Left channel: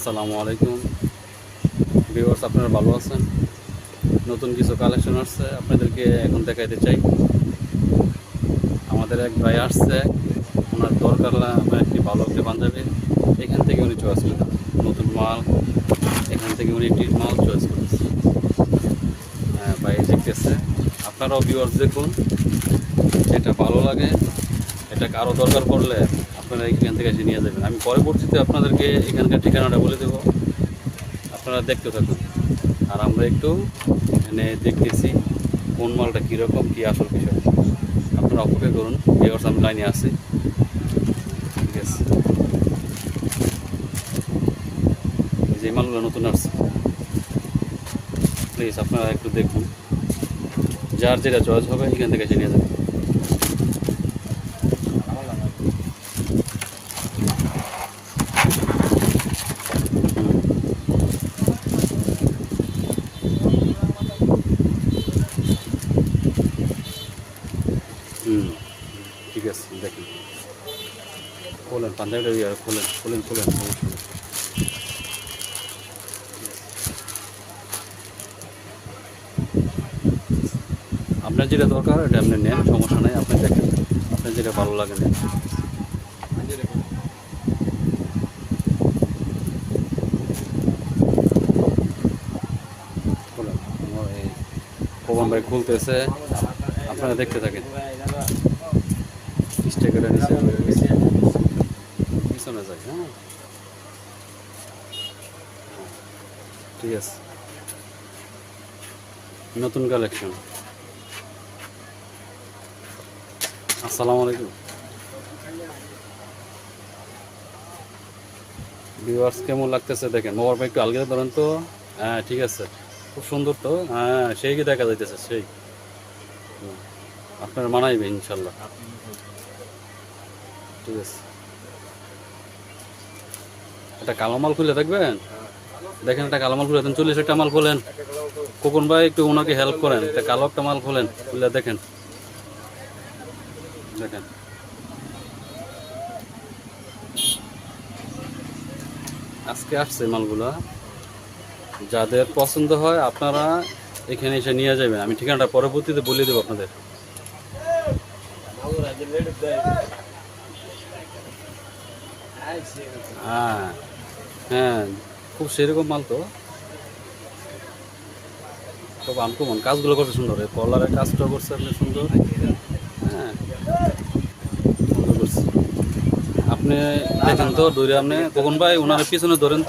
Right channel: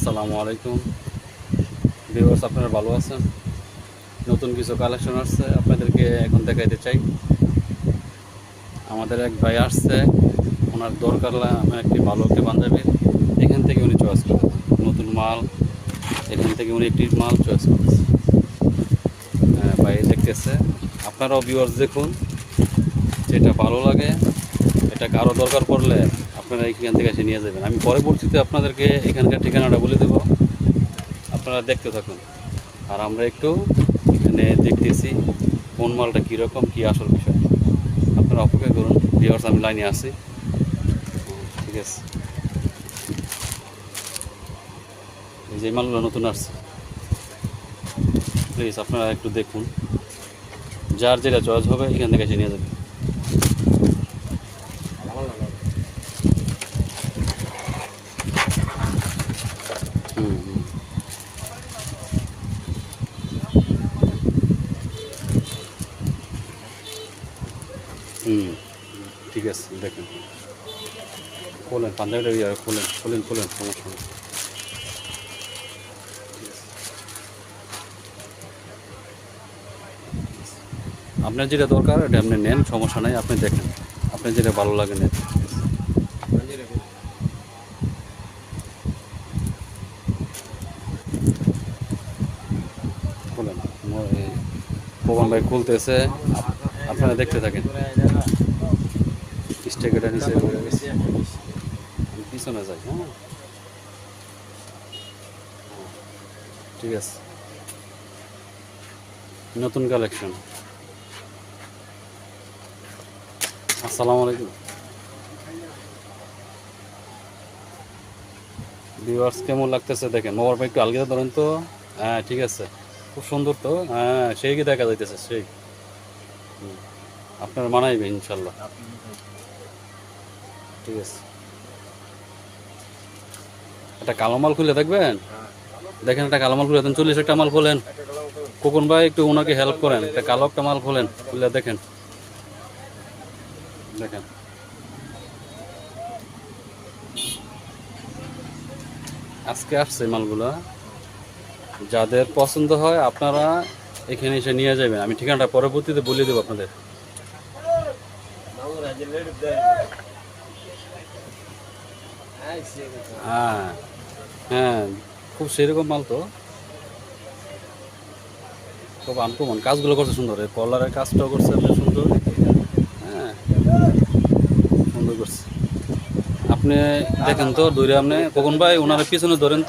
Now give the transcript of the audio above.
আসসালামু আলাইকুম ভিউয়ার্স, আপনারা ভালো আছেন? নতুন কিছু কালেকশন আসছে, আপনাদেরকে এখন দেখাইতে চাই। আমাদের এক ভাই আসছে, ওনার দরকার আমার একটি ভালো একটি পাঞ্জাবি। এখান থেকে উনি চয়েস করেন নতুন মাল, এখান থেকে উনি একটি মাল চয়েস করেছে। হ্যাঁ, ভাই দেখতেছে। আপনারাও ভিউয়ার্স দেখুন, যেটা ভালো লাগে, এটা কারো দরকার পড়লে আপনারা এখান থেকে এসে নিয়ে যাবেন। আমি পরবর্তীতে আপনাদেরকে এখানকার ঠিকানাটা বলে দেবো, আপনারা দেখতে থাকুন। আর আমরা একটু এখানে দেখতেছি কোন মালটা কীরকম, কী আসল বিষয়। আপনারা অপেক্ষা করুন, ভিউয়ার্স আমি লাইনে আসি। ঠিক আছে, এই যে মালগুলো নতুন আসছে, প্লিজ আপনারা একটু দেখুন। যার যেটা চয়েস হবে এখান থেকে এসে নিয়ে যাবেন। হুম, ঠিক আছে, দেখেন, খোলেন পাঞ্জাবিটা, খোলেন খোলেন খোলেন, সমস্যা নেই। আপনার যেটা দরকার এটা আপনি নেন, সমস্যা নেই। আপনি দেখেন, আপনার যেটা ভালো লাগে নেন। খোলেন, পবন ভাই খুলতেছে, আপনারা দেখতে থাকেন। স্টেকারটা নিচে পিছনে যাই। হ্যাঁ, ঠিক আছে, নতুন কালেকশন। আসসালামু আলাইকুম ভিউয়ার্স, কেমন লাগতেছে দেখেন। মোবাইল একটু আলগা ধরেন তো। হ্যাঁ, ঠিক আছে, খুব সুন্দর তো। হ্যাঁ, সেই কি দেখা যাইতেছে, সেই আপনার মানাইবে ইনশাল্লাহ। ঠিক আছে, একটা কালো মাল খুলে দেখবেন। দেখেন, একটা কালো মাল খুলে দেন, 40 একটা মাল খোলেন। খোকন ভাই একটু ওনাকে হেল্প করেন, একটা কালো একটা মাল খোলেন, খুলে দেখেন। দেখেন, আজকে আসছে মালগুলা। যাদের পছন্দ হয় আপনারা এখানে এসে নিয়ে যাবেন। আমি ঠিকানাটা পরবর্তীতে বলে দেবো আপনাদের। হ্যাঁ হ্যাঁ, খুব সেরকম মাল তো, খুব আনকমন। কাজগুলো করছে সুন্দর, এই কলারের কাজটাও করছে আপনি সুন্দর। হ্যাঁ, সুন্দর করছে। আপনি দেখেন তো, ধরে আপনি কখন ভাই ওনার পিছনে ধরেন তো।